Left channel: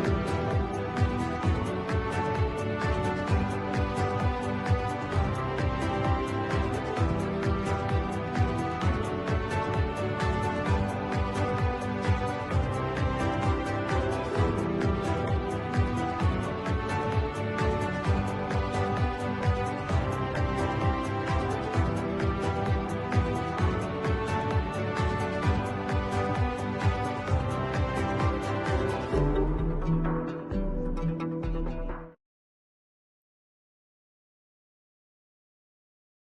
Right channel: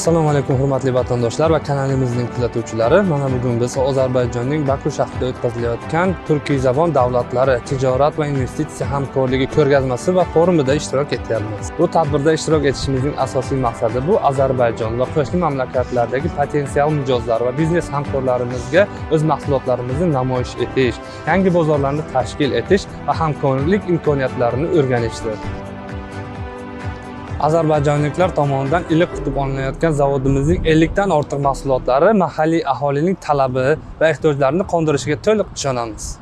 Assalomu alaykum hurmatli vatandoshlar va kanalimizning kuzatuvchilari. Mana bugun biz Ozarbayjonning Baku shahrida o'tkazilayotgan Turkiyzabon davlatlari tijorat va investitsiya hamkorligi ko'rgazmasi va forumida ishtirok etyapmiz. Bu tadbirda ishtirok etishimizning asosiy maqsadi bu Ozarbayjon va qo'shni mamlakatlardagi potensial mijozlar va biznes hamkorlarimizga o'z mahsulotlarimizni namoyish etish, yangi bozorlarni tashkil etish va hamkorlik imkoniyatlarini o'rganishdir. Ozarbayjonliklar tomonidan iliq qutib olinayotgan zavodimizning 50 dan ortiq mahsulotlari mahalliy aholining talabi va ehtiyojlarini qondirishiga to'liq ishonamiz.